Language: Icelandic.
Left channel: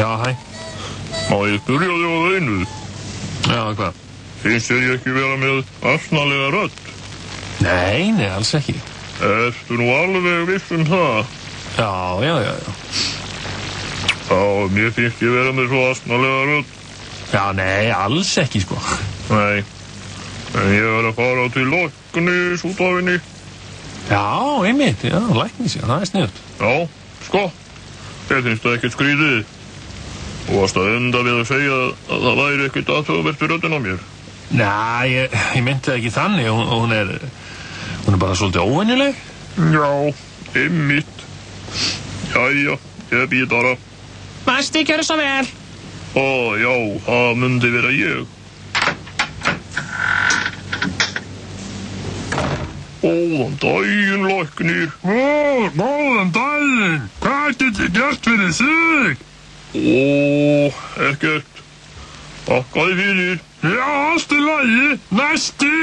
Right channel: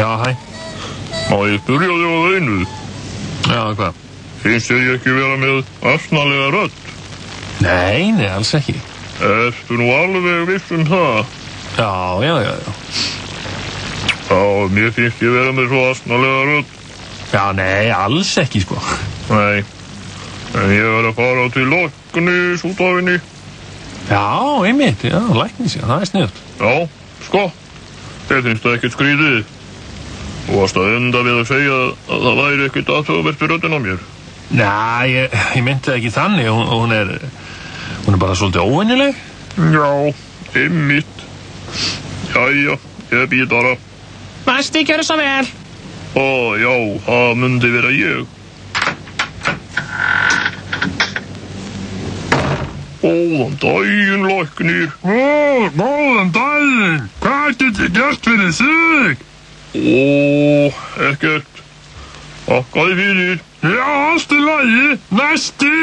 Já, hæ. Má ég spyrja þig á einu? Já, hvað? Finnst þér ég ekki vera með asnalega rödd? Nei, alls ekki. Ertu nú alveg viss það? Já. Já, mér finnst ég vera með svo asnalega rödd. Já, nei, alls ekki, sko. Nei, en ég verð að fara til læknis út af henni. Já, einmitt, já, læknis, já, það sniðugt. Já, sko, ég finnst það ekkert skrýðið. Þú varst að enda við að segja að það væri ekkert aðtöðuvert við röddina á mér. Nei, ég meinti ekki þannig, hún er bara svolítið óvenjuleg. Já, einmitt. Jæja, ég býð bara. Næsti, gjörðu svo vel. Ó, já, það myndi vera ég. Góðan daginn, læknir. Góðan daginn. Hvað get ég gert fyrir þig? Ekkert. Þakka þér fyrir. Já, allt í lagi. Næsti.